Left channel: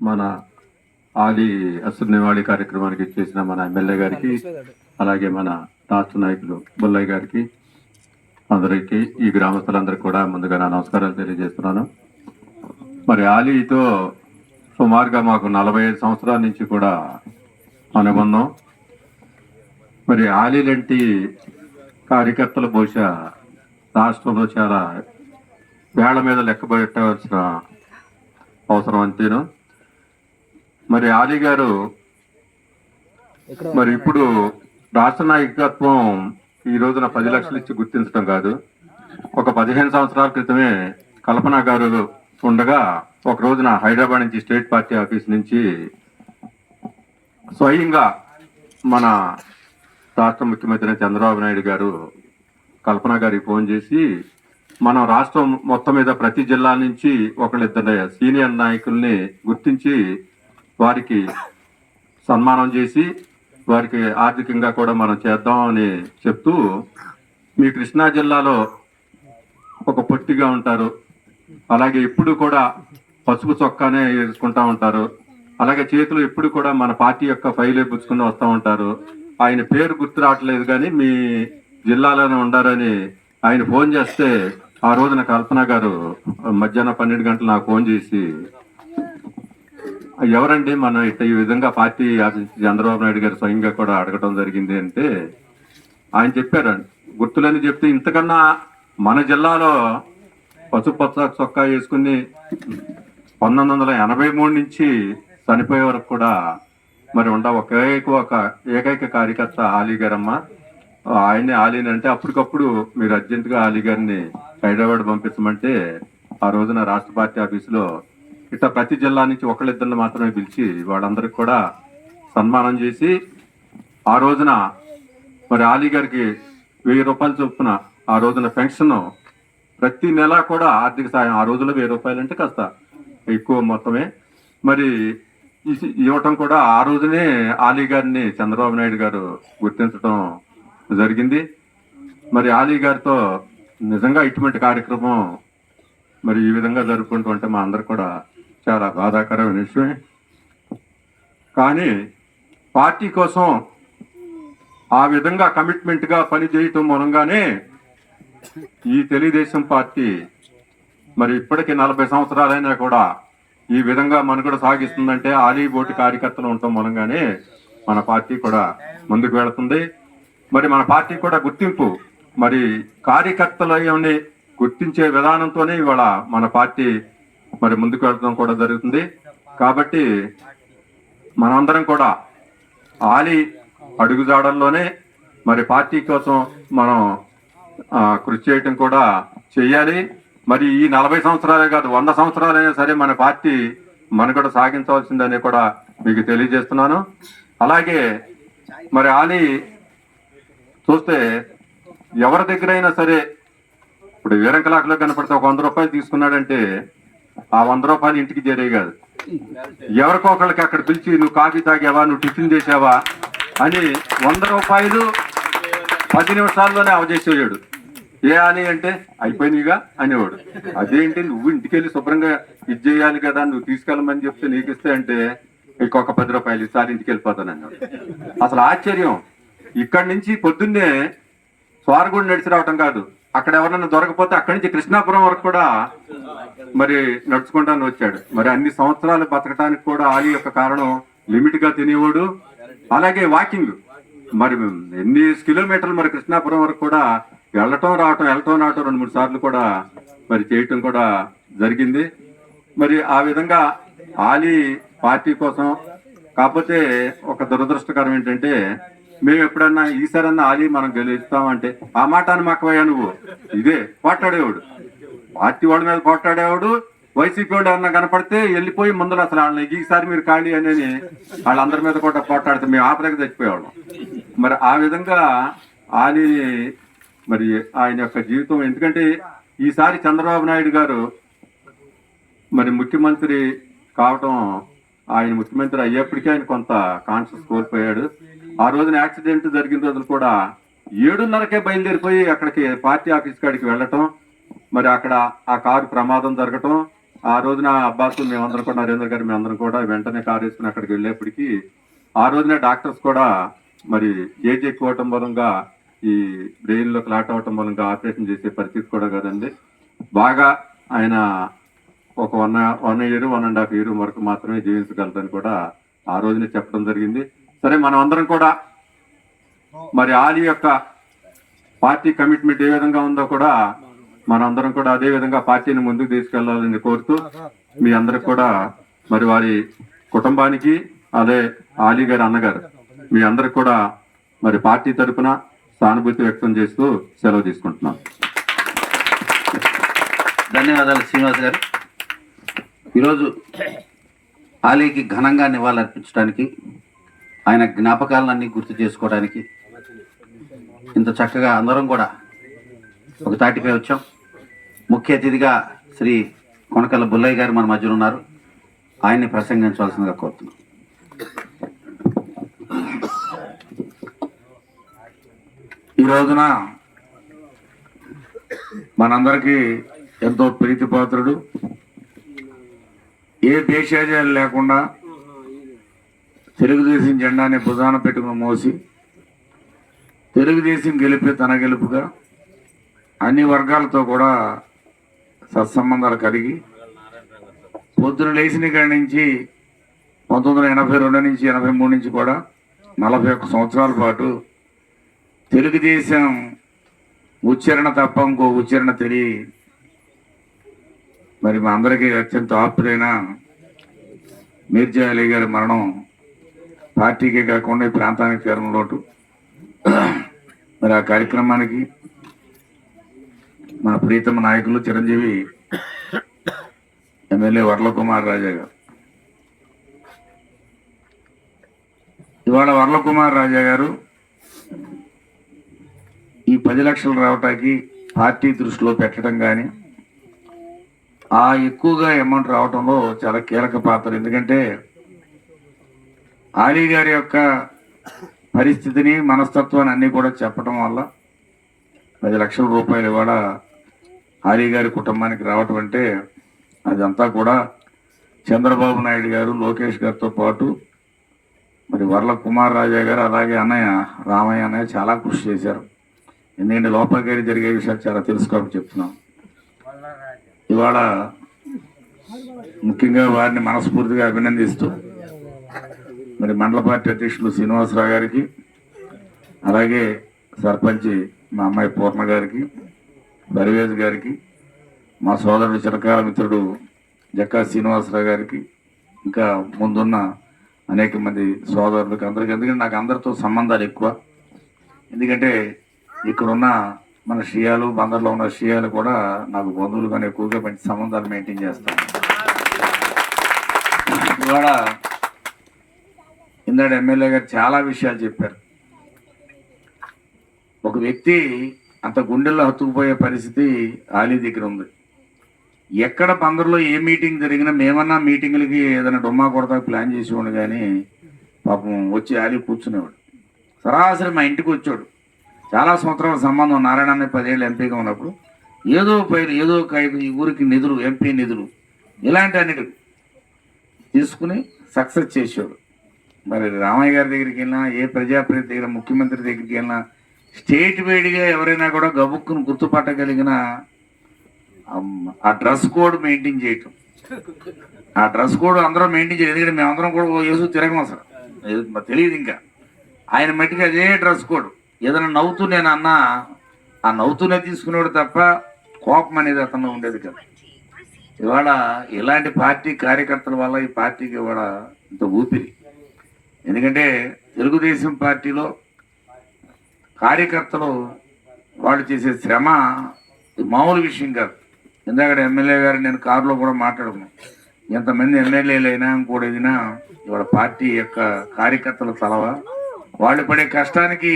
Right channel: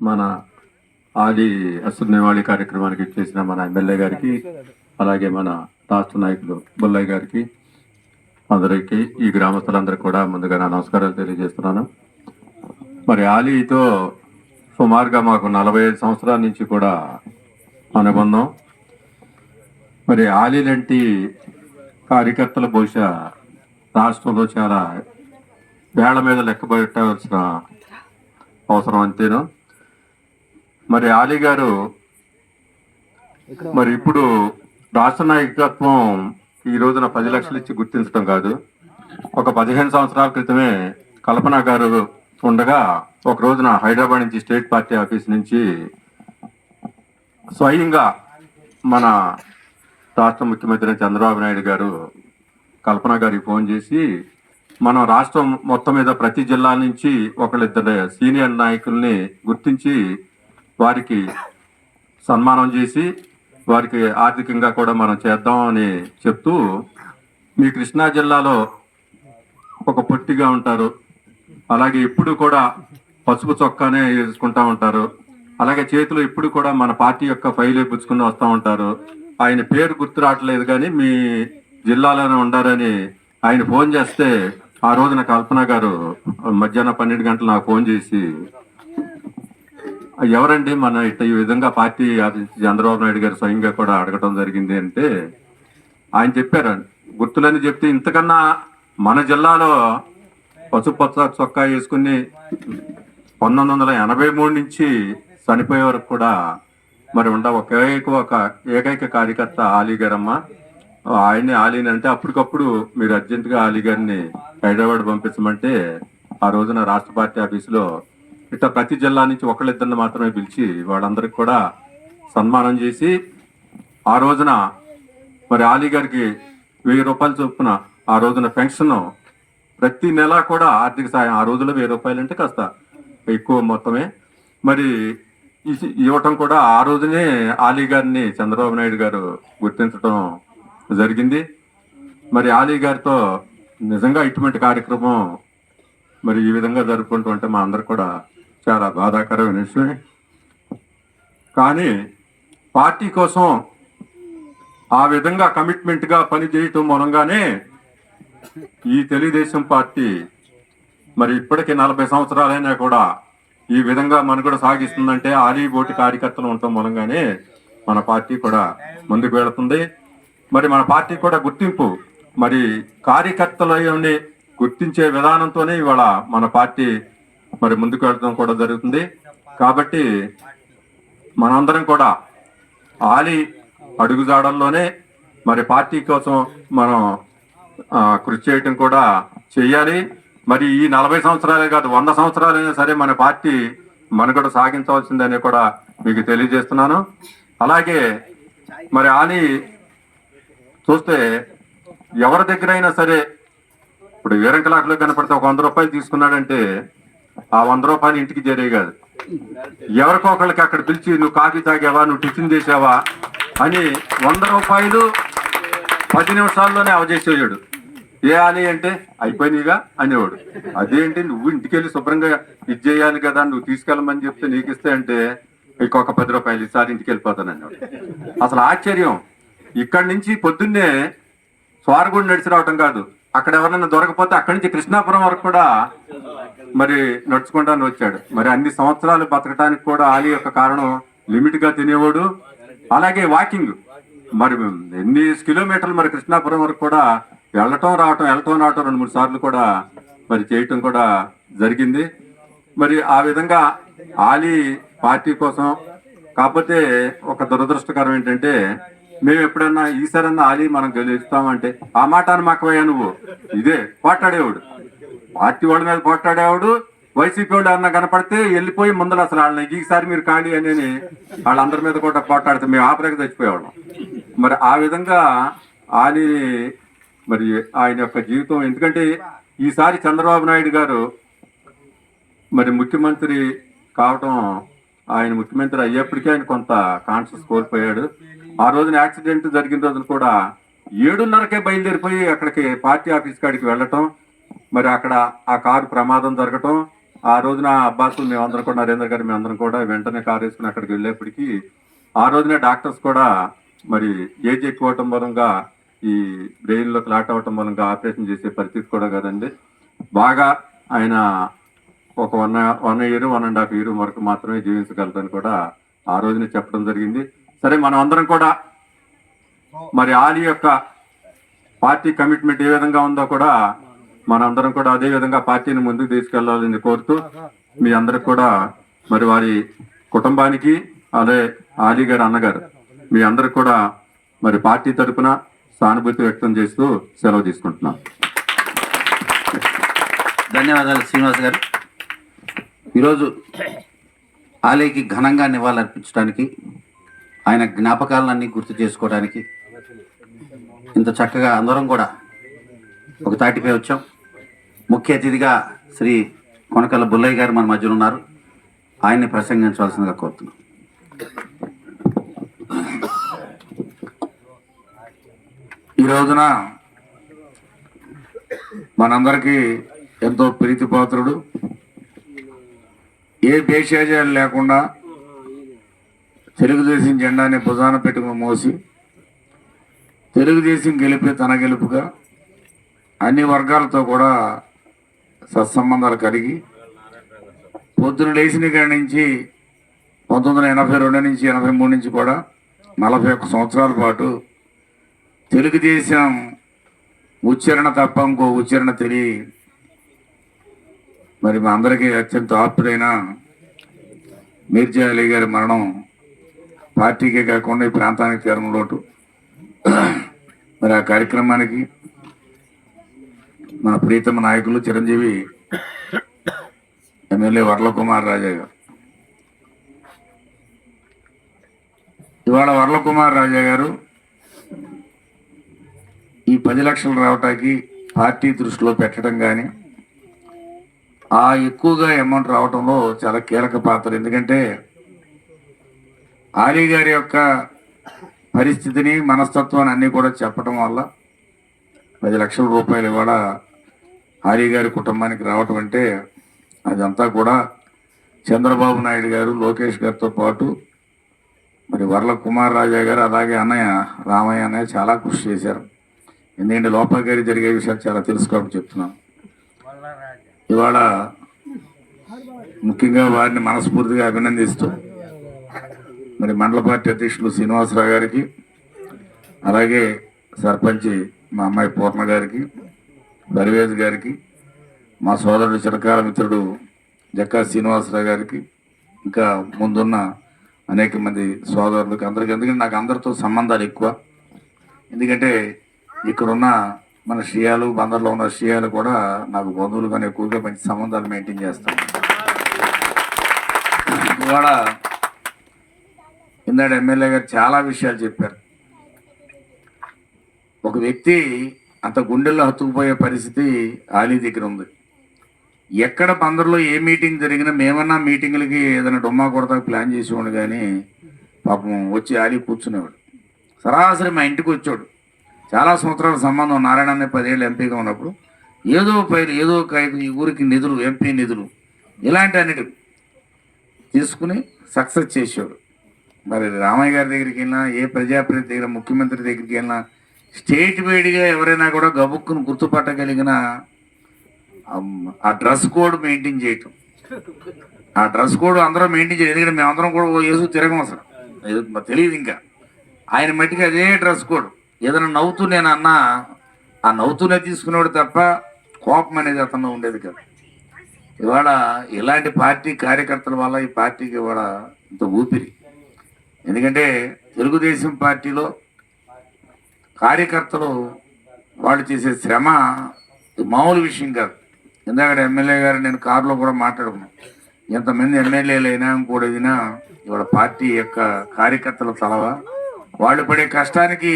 మన ఆది అసలు నివాళి కార్యక్రమానికి చేసిన మన ఎమ్మెల్యే గారికి, అలాగే మన రాష్ట్ర నాయకులు బొల్లయ్య గారికి, అందరికీ ఈ గ్రామస్తులందరికీ కూడా ముందుగా నా నమస్కారాలు తెలియజేస్తున్నాను. మరి ఆలీతో సుమారుగా మాకు 45 సంవత్సరాల నుంచి కూడా అనుబంధం. మరి ఆలీ లాంటి కార్యకర్తలు బహుశా రాష్ట్రంలో చాలా వేళ్ల మీద లెక్కబెట్టవలసిన అవసరం అంతేను. మరి ఆలీ గారు మరి ఇప్పుడు రాష్ట్ర నాయకత్వం ఈ రోజున 10 లక్షలు ఇచ్చి గుర్తించడం కాదు. ఒక 15 సంవత్సరాల క్రితమే కల్పన గారు ఉండగా ఒక రోజున హైదరాబాద్ నుంచి స్టేట్ పార్టీ ఆఫీస్ నుంచి స్వయంగా మన రాష్ట్ర ముఖ్యమంత్రి చంద్రబాబు నాయుడు గారు కల్పన గారికి ఫోన్ చేసి మన రాష్ట్రం మొత్తం మీద ప్రతి జిల్లా నుంచి ఒకళ్ళిద్దరు సీనియర్ నాయకుల్ని గుర్తించి వారికి సన్మానం చేసి వారికి ఆర్థికంగా కూడా మనం చేద్దామని చెప్తూ, మీ కృష్ణా జిల్లాలో ఒక పొట్టిగా ఉంటారు, అలాగే ఎప్పుడు కూడా పసుపు చొక్కానే వేసుకుంటా ఉంటారు, అలాగే చేతిలో ఎప్పుడు కూడా మన పార్టీ యొక్క ఫైల్ పుచ్చుకుని వస్తూ ఉంటారు. ఆయన పేరు గుర్తు రావట్లేదు కానీ మీ జిల్లాలోనే ఉండారని ఆయన ఫోన్ చేస్తే ఆ రోజున కల్పన గారు మధ్యాహ్నం 12 గంటలు నాకు ఫోన్ చేసి, ఎవరండి మన ఇట్లా ఈ విధంగా పార్టీ చంద్రబాబు నాయుడు గారు స్వయంగా కూడా అడగటం జరిగింది అంటే ఆయన చెప్పారు, గుర్తులని చెప్తే ఇంతకన్నా మన జిల్లాలో పసుపు పచ్చ చొక్కా వేసుకుని 1983 నుంచి చనిపోయే వరకు కూడా మరి ఒక ఏకైక కార్యకర్త ఆలీ గారమ్మ. ఆయనే ఆలీని అంటే అప్పటికప్పుడు మీరు అర్జెంటుగా ఆలీ గారిని హైదరాబాద్ పంపించమంటే ఆ రోజున రాష్ట్ర పార్టీ ఆఫీసులో ఇట్లా ప్రతి జిల్లా నుంచి ఒకళ్ళిద్దరిని మాత్రమే పిలిచి వాళ్ళందరికి కూడా సన్మానం చేసి ఆ రోజున మరి ఆలీ గారికి 1000 రూపాయలు చొప్పున ఆ రోజున పెన్షన్ ప్రతి నెల కూడా ఆర్థిక సాయం, ఆ రోజుల్లో 1000 రూపాయలు అంటే కాస్త ఎక్కువ మొత్తమే మరి ఇవ్వటం కూడా ఆ రోజునే ఆలీ గారిని చంద్రబాబు నాయుడు గారు గుర్తించడం జరిగింది. మరి ఆలీ గారితో నిజంగా ఇటువంటి కార్యక్రమం మరి ఈ విధంగా జరుపుకుంటూ ఉంటే మా అందరు కూడా చాలా బాధాకరమైన విషయమే. కానీ పార్టీ కోసం ఆ విధంగా కమిట్మెంట్గా పని చేయటం మూలంగానే ఈ తెలుగుదేశం పార్టీ మరి ఇప్పటికీ 40 సంవత్సరాలైనా కూడా ఈ విధంగా మనుగడ సాగిస్తుందంటే ఆలీ బోటి కార్యకర్తలు ఉండటం మూలంగానే మన పార్టీ కూడా ముందుకు వెళుతుంది. మరి మన పార్టీ కూడా గుర్తింపు మరి కార్యకర్తలని గుర్తించే విధానంతోనే ఇవాళ మన పార్టీ మరి ముందుకు వెళ్ళడం కూడా జరుగుతుంది. కాబట్టి మనందరం కూడా ఆలీ అడుగుజాడల్లోనే మరి పార్టీ కోసం మనం కృషి చేయటం కూడా చెయ్యాలి. మరి ఈ 40 సంవత్సరాలే కాదు 100 సంవత్సరాలైనా సరే మన పార్టీ మనుగడ సాగించవలసిందని కూడా మీకు తెలియజేస్తున్నాను. అలాగే మరి ఆలీ చూస్తే ఎవరి దగ్గర అయినా సరే ఇప్పుడు వీరంకలాటలో కనపడితే ఒక 100 రూపాయలు తీసుకున్నాడంటే ఆ 100 రూపాయలు ఇంటికి చేరే కాదు, ఎవరికో ఒకళ్ళకి అక్కడ పిలిచి నువ్వు కాఫీ తాగావా, నువ్వు టిఫిన్ చేసావా అని 100 రూపాయలు 10 నిమిషాల్లోనే అవజేసేవాడు. ఏ ఆలీ అంటే అయిపోయినాయిగా అనేవాడు. అదేంటి నువ్వు ఇంటికి వెళ్ళి శుభ్రంగా ఇది చేయాలి కదా, నువ్వు తీసుకెళ్ళమని చెప్తే నీకు ఇస్తే అంటే ఇంకొక 10 రూపాయలు ఈసారి ఇంటికి వెళ్ళిపోతాను అన్నాడు. అసలు ఆశ్చర్యం, ఇక్కడి నుంచి పొద్దున్నే స్వారగూడ నడిచి రావటం కాదు, అక్కడ ఎవరైనా దొరకపోతే అక్కడి నుంచి కృష్ణాపురం వరకు కూడా మరి నడుచుకుంటాను వచ్చాడు. మరి అన్ని సంవత్సరాలు బతకడానికి కూడా ఆలీ యొక్క కారణం లిమిట్ గా తినేవాడు. అలాగే వాకింగ్ మరి ఎన్ని కిలోమీటర్లు మరి కృష్ణాపురం వరకు కూడా వెళ్ళటం రావటం 2-3 సార్లు కూడా మరి చేయటం కూడా జరిగింది. మరి ఆ విధంగా ఆలీ పార్టీ కోసం. కాకపోతే ఒక దురదృష్టకరం ఏంటంటే మేము ఎప్పుడన్నా ఈసారన్నా ఆలీ మనం గెలుస్తామంటే ఆ మాట అని మాకవయ్యా నువ్వు ఇదే పోట్లాడేవాడు, పార్టీ వాళ్ళ మీద పోట్లాడేవాడు. వైసీపీ వాళ్ళు ఏమన్నా కనపడితే వెళ్ళిపోయి ముందర అసలు వాళ్ళని ఈసారి మీరు ఖాళీ అని వాళ్ళందరి మీద కూడా పోట్లాడితే మేము ఆపరేకి చచ్చిపోయేవాళ్ళం. మరి ఆ విధంగా ఆలీ మరి ఆయన యొక్క జీవితం, ఎందుకంటే ఈసారి చంద్రబాబు నాయుడు గారు మరి ముఖ్యమంత్రి కావటం, ఆయన ముఖ్యమంత్రి అయ్యేప్పటికీ ఆయన కొంత కాన్షియస్ కోల్పోయాడు. ఆ రోజున యాక్సిడెంట్ జరిగిన రోజులు కూడా 7:30కే బయలుదేరిపోయి అక్కడికి పార్టీ ఆఫీస్ కాడికి వెళ్ళటం, మరి అక్కడ ఆ కారు ప్రమాదం జరగటం, ఆ రోజున అబ్బాసు మేమందరం కూడా, నరేంద్ర గారు మేమందరం కూడా వెంటనే కారు వేసుకుని అక్కడికి వెళ్ళేప్పటికీ ఆ రోజునే డాక్టర్స్ కూడా మరి ఏజ్ ఎక్కువ అవటం మూలంగా ఈ బ్రెయిన్లో క్లాట్ అవటం మూలంగా ఆపరేషన్ చేసే పరిస్థితి కూడా కదండి. బాగా ఆయన ఒక 1 ఇయర్ 1.5 ఇయర్ వరకు మాత్రమే జీవించగలరని కూడా ఆ రోజునే చెప్పడం జరిగింది. సరే, మనం అందరం కూడా మరి ఆలీ యొక్క పార్టీ కమిట్మెంట్ ఏ విధంగా ఉందో కూడా మనందరం కూడా అదే విధంగా పార్టీని ముందుకు తీసుకెళ్లాలని కోరుతూ మీ అందరికి కూడా మరి వారి కుటుంబానికి అదే ఆలీ గారు అన్నగారు మీ అందరికి కూడా మరి పార్టీ తరఫున సానుభూతి వ్యక్తం చేస్తూ సెలవు తీసుకుంటున్నాం. ధన్యవాదాలు శ్రీనివాస్ గారు. ఈరోజు ఆలీకి ఘనంగా నివాళులర్పించడానికి, ఆయన జ్ఞాపకాలన్నీ గుర్తు చేసుకోవడానికి ఇంత చక్కగా అందరం కూడా ఒక తాటిపై వచ్చాం. ముఖ్య అతిథిగా శ్రీ కొనకల బుల్లయ్య గారు మన మధ్యలో ఉన్నారు. ఆయన్ని ప్రసంగించవలసిందిగా కోరుతున్నాం. ఈ రోజున మనందరికీ ఎంతో ప్రీతిపాత్రుడు, ఏ భేషజాలు లేకుండా తెలుగుదేశం జెండాని భుజాన పెట్టుకుని మోసి తెలుగుదేశం గెలిపే తన గెలుపుగా అన్ని వర్గాలతో కూడా సత్సంబంధాలు కలిగి పొద్దున లేచిన కాడి నుంచి 1982 నుంచి 83 నుంచి కూడా 41 సంవత్సరాల పాటు తెలుగుదేశం ఉచ్చారణ తప్ప ఇంకో ఉచ్చారణ తెలియ మరి మా అందరికీ అత్యంత ఆప్తుడైన మీర్జా అలీ గారి మరణం పార్టీకే కాకుండా ఈ ప్రాంతానికి తీరని లోటు. మరి ఆ కార్యక్రమానికి మన ప్రీతమ నాయకులు చిరంజీవి ఎమ్మెల్యే వర్లకుమార్ రాజా గారు, ఇవాళ వర్లకుమార్ రాజా గారు ఈ 10 లక్షలు రావటానికి పార్టీ దృష్టిలో పెట్టడం కానీ ఆ ఎక్కువగా అమౌంట్ రావటంలో చాలా కీలక పాత్ర. ఎందుకంటే ఆలీ గారి యొక్క పరిస్థితిని, మనస్తత్వాన్ని అన్నీ కూడా చెప్పడం వల్ల 10 లక్షల రూపాయలు ఇవాళ ఆలీ గారి కుటుంబానికి రావటం అంటే అదంతా కూడా చంద్రబాబు నాయుడు గారు, లోకేష్ గారితో పాటు మరి వర్ల కుమార్ రాజా గారు, అలాగే అన్నయ్య రామయ్య అన్నయ్య చాలా కృషి చేశారు. ఎందుకంటే లోపల గారి జరిగే విషయాలు చాలా తెలుసుకోవడం చెప్తున్నాం. ఇవాళ ముఖ్యంగా వారిని మనస్ఫూర్తిగా అభినందిస్తూ మరి మండల పార్టీ అధ్యక్షులు శ్రీనివాసరావు గారికి, అలాగే సర్పంచ్ మా అమ్మాయి పూర్ణ గారికి, పర్వేజ్ గారికి, మా సోదరుడు చిరకాల మిత్రుడు జక్కా శ్రీనివాసరావు గారికి, ఇంకా ముందున్న అనేక మంది సోదరులకు అందరికీ. ఎందుకంటే నాకు అందరితో సంబంధాలు ఎక్కువ. ఎందుకంటే ఇక్కడున్న మన షియాలు, బందర్లో ఉన్న షియాలు కూడా నాకు బంధువులు కానీ ఎక్కువగా మంచి సంబంధాలు మెయింటైన్ చేస్తాను. ఇవాళ ఇందాడు ఎమ్మెల్యే గారు చాలా విషయాలు చెప్పారు. ఒక వ్యక్తి అంత గుండెల్లో హత్తుకుపోయే పరిస్థితి ఆలీ దగ్గర ఉంది. ఎక్కడ బందర్లో ఏ మీటింగ్ జరిగినా మేమన్నా మీటింగులకి ఏదైనా డొమ్మా కొడతా ప్లాన్ చేసేవాడు, కానీ పాపం వచ్చి ఆలీ కూర్చునేవాడు. సరాసరి మా ఇంటికి వచ్చాడు. చాలా సంవత్సరాల సంబంధం. నారాయణ 10 ఏళ్ళు ఎంపీగా ఉన్నప్పుడు ఏదో ఈ ఊరికి నిధులు, ఎంపీ నిధులు ఇలాంటి అన్నిటి తీసుకుని సక్సెస్ చేసాడు. మరి రామయ్య గారి దగ్గరికి వెళ్ళినా, ఏ ప్రజాప్రతినిధి దగ్గర, ముఖ్యమంత్రి దగ్గరికి వెళ్ళినా, స్టేట్ వైడ్గా ఎవరైనా కూడా గబుక్కును గుర్తుపట్టగలిగిన ఆ డ్రెస్ కోడ్ మెయింటైన్ చేయటం. ఆ డ్రెస్ కోడ్ అందరూ మెయింటైన్ చేయడం. ఎందుకంటే మేమందరం కూడా వేసు తిరగం అసలు తెలియదు. ఇంకా ఆయన మట్టికి అదే డ్రెస్ కోడ్. ఏదైనా నవ్వుతూ నేను అన్నా ఆ నవ్వుతూనే తీసుకునేవాడు తప్ప కోపం అనేది అతను ఉండేది కదా. ఇవాళ ఇలాంటి పార్టీ కార్యకర్తల వల్ల ఈ పార్టీకి ఇవాళ ఇంత ఊపిరి. ఎందుకంటే తెలుగుదేశం పార్టీలో కార్యకర్తలు వాళ్ళు చేసే శ్రమ మామూలు విషయం కాదు. ఎందుకంటే ఎమ్మెల్యే గారు నేను కారులో కూడా మాట్లాడుకున్నాను. ఎంతమంది ఎమ్మెల్యేలు అయినా ఇంకోటి అయినా ఇవాళ పార్టీ యొక్క కార్యకర్తల తలవ వాళ్ళు పడే కష్టానికి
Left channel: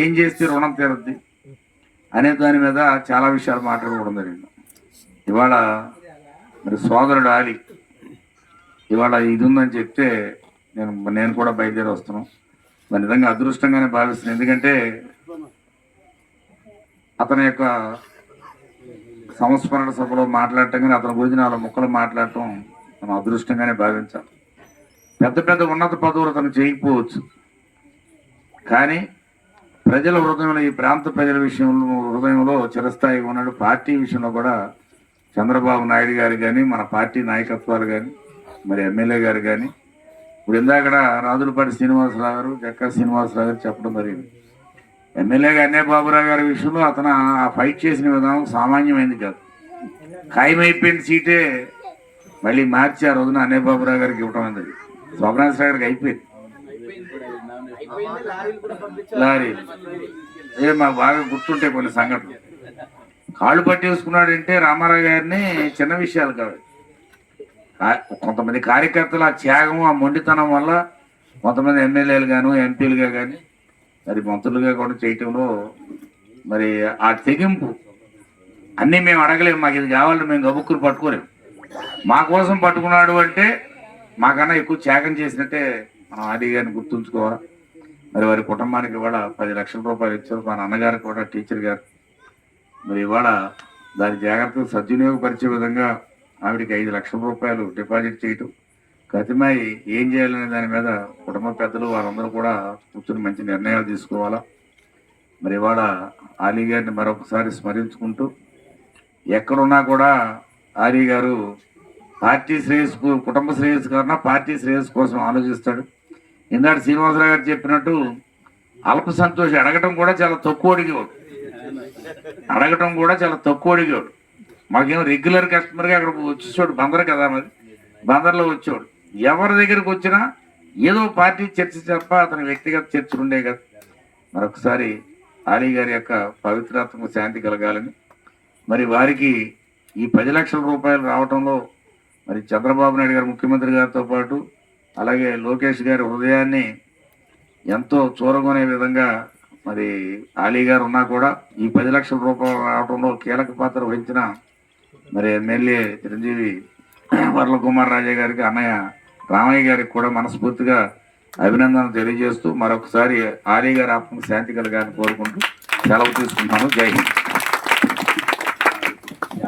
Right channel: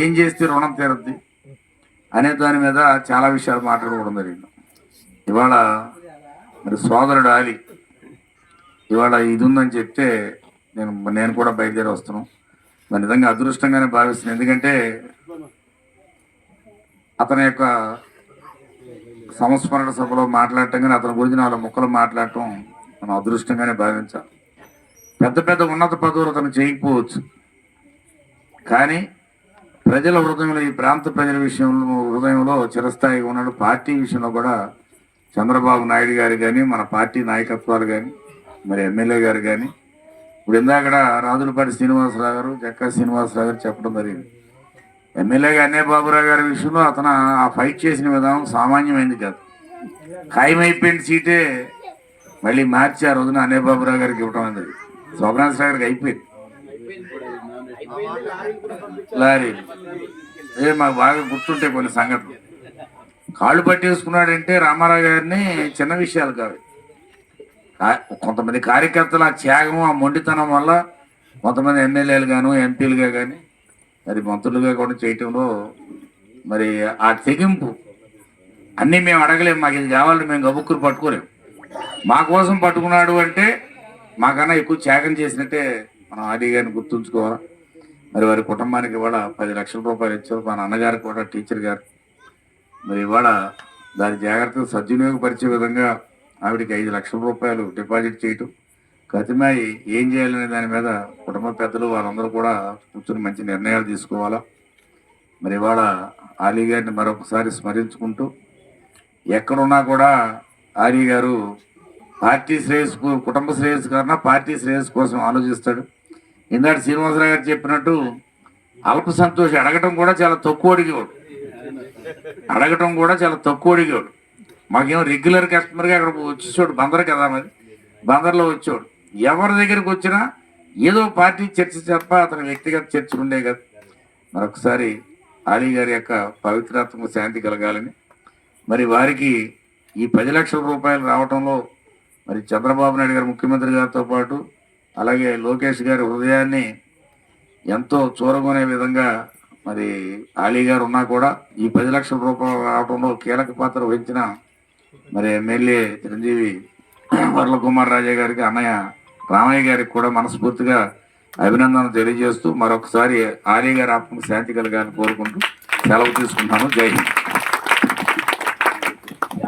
ఏం చేస్తే రుణం తీరద్ది అనే దాని మీద చాలా విషయాలు మాట్లాడుకోవడం జరిగింది. ఇవాళ మరి సోదరుడు ఆలీ ఇవాళ ఇది ఉందని చెప్తే నేను కూడా బయలుదేరి వస్తున్నాను. మరి నిజంగా అదృష్టంగానే భావిస్తున్నాను. ఎందుకంటే అతని యొక్క సంస్మరణ సభలో మాట్లాడటం కానీ అతని గురించి 4 ముక్కలు మాట్లాడటం మనం అదృష్టంగానే భావించాలి. పెద్ద పెద్ద ఉన్నత పదవులు అతను చేయకపోవచ్చు, కానీ ప్రజల హృదయంలో, ఈ ప్రాంత ప్రజల విషయంలో హృదయంలో చిరస్థాయిగా ఉన్నాడు. పార్టీ విషయంలో కూడా చంద్రబాబు నాయుడు గారు కానీ, మన పార్టీ నాయకత్వాలు కానీ, మరి ఎమ్మెల్యే గారు కానీ, ఇప్పుడు ఇందాక రాజులపాటి శ్రీనివాసరావు గారు, జక్కా శ్రీనివాసరావు గారు చెప్పడం జరిగింది. ఎమ్మెల్యేగా అన్నయ్య బాబురావు గారి విషయంలో అతను ఆ ఫైట్ చేసిన విధానం సామాన్యమైంది కాదు. ఖాయమైపోయిన సీటే మళ్ళీ మార్చి ఆ రోజున అన్నయ్య బాబురావు గారికి ఇవ్వడం అనేది శోభనాథరావు గారికి అయిపోయింది. లారీలు మాకు బాగా గుర్తుంటే కొన్ని సంఘటనలు. కాళ్ళు పట్టేసుకున్నాడంటే రామారావు గారిని చిన్న విషయాలు కాదు. కొంతమంది కార్యకర్తలు ఆ త్యాగం, ఆ మొండితనం వల్ల కొంతమంది ఎమ్మెల్యేలు గాను, ఎంపీలుగా కానీ, మరి మంత్రులుగా కూడా చేయటంలో మరి ఆ తెగింపు అన్నీ మేము అడగలేము. మాకు ఇది కావాలని మేము గబుక్కులు పట్టుకోలేము. మా కోసం పట్టుకున్నాడు అంటే మాకన్నా ఎక్కువ త్యాగం చేసినట్టే మనం ఆది గారిని గుర్తుంచుకోవాలి. మరి వారి కుటుంబానికి ఇవాళ 10 లక్షల రూపాయలు ఇచ్చారు. మా నాన్నగారికి కూడా టీచర్ గారు మరి ఇవాళ దాని జాగ్రత్తగా సద్వినియోగపరిచే విధంగా ఆవిడకి 5 లక్షల రూపాయలు డిపాజిట్ చేయటం, కతిమాయి ఏం చేయాలనే దాని మీద కుటుంబ పెద్దలు వారందరూ కూడా కూర్చొని మంచి నిర్ణయాలు తీసుకోవాలా. మరి ఇవాళ ఆలీ గారిని మరొకసారి స్మరించుకుంటూ, ఎక్కడున్నా కూడా ఆలీ గారు పార్టీ శ్రేయస్సు, కుటుంబ శ్రేయస్సు కన్నా పార్టీ శ్రేయస్సు కోసం ఆలోచిస్తాడు. ఇందాక శ్రీనివాసరావు గారు చెప్పినట్టు అల్ప సంతోషి అడగటం కూడా చాలా తక్కువ అడిగేవాడు. మాకేమో రెగ్యులర్ కస్టమర్గా అక్కడ వచ్చేవాడు. బందర్ కదా, మరి బందర్లో వచ్చేవాడు. ఎవరి దగ్గరికి వచ్చినా ఏదో పార్టీ చర్చ తప్ప అతని వ్యక్తిగత చర్చలు ఉండే కదా. మరొకసారి ఆలీ గారి యొక్క పవిత్రాత్మక శాంతి కలగాలని, మరి వారికి ఈ 10 లక్షల రూపాయలు రావటంలో మరి చంద్రబాబు నాయుడు గారు ముఖ్యమంత్రి గారితో పాటు అలాగే లోకేష్ గారి హృదయాన్ని ఎంతో చూరగొనే విధంగా మరి ఆలీ గారు ఉన్నా కూడా ఈ 10 లక్షల రూపాయలు రావడంలో కీలక పాత్ర వహించిన మరి ఎమ్మెల్యే చిరంజీవి వర్ల కుమార్ రాజా గారికి, అన్నయ్య రామయ్య గారికి కూడా మనస్ఫూర్తిగా అభినందనలు తెలియజేస్తూ మరొకసారి ఆలీ గారి ఆత్మకు శాంతి కలగాలని కోరుకుంటూ సెలవు తీసుకుంటాను. జై హింద్.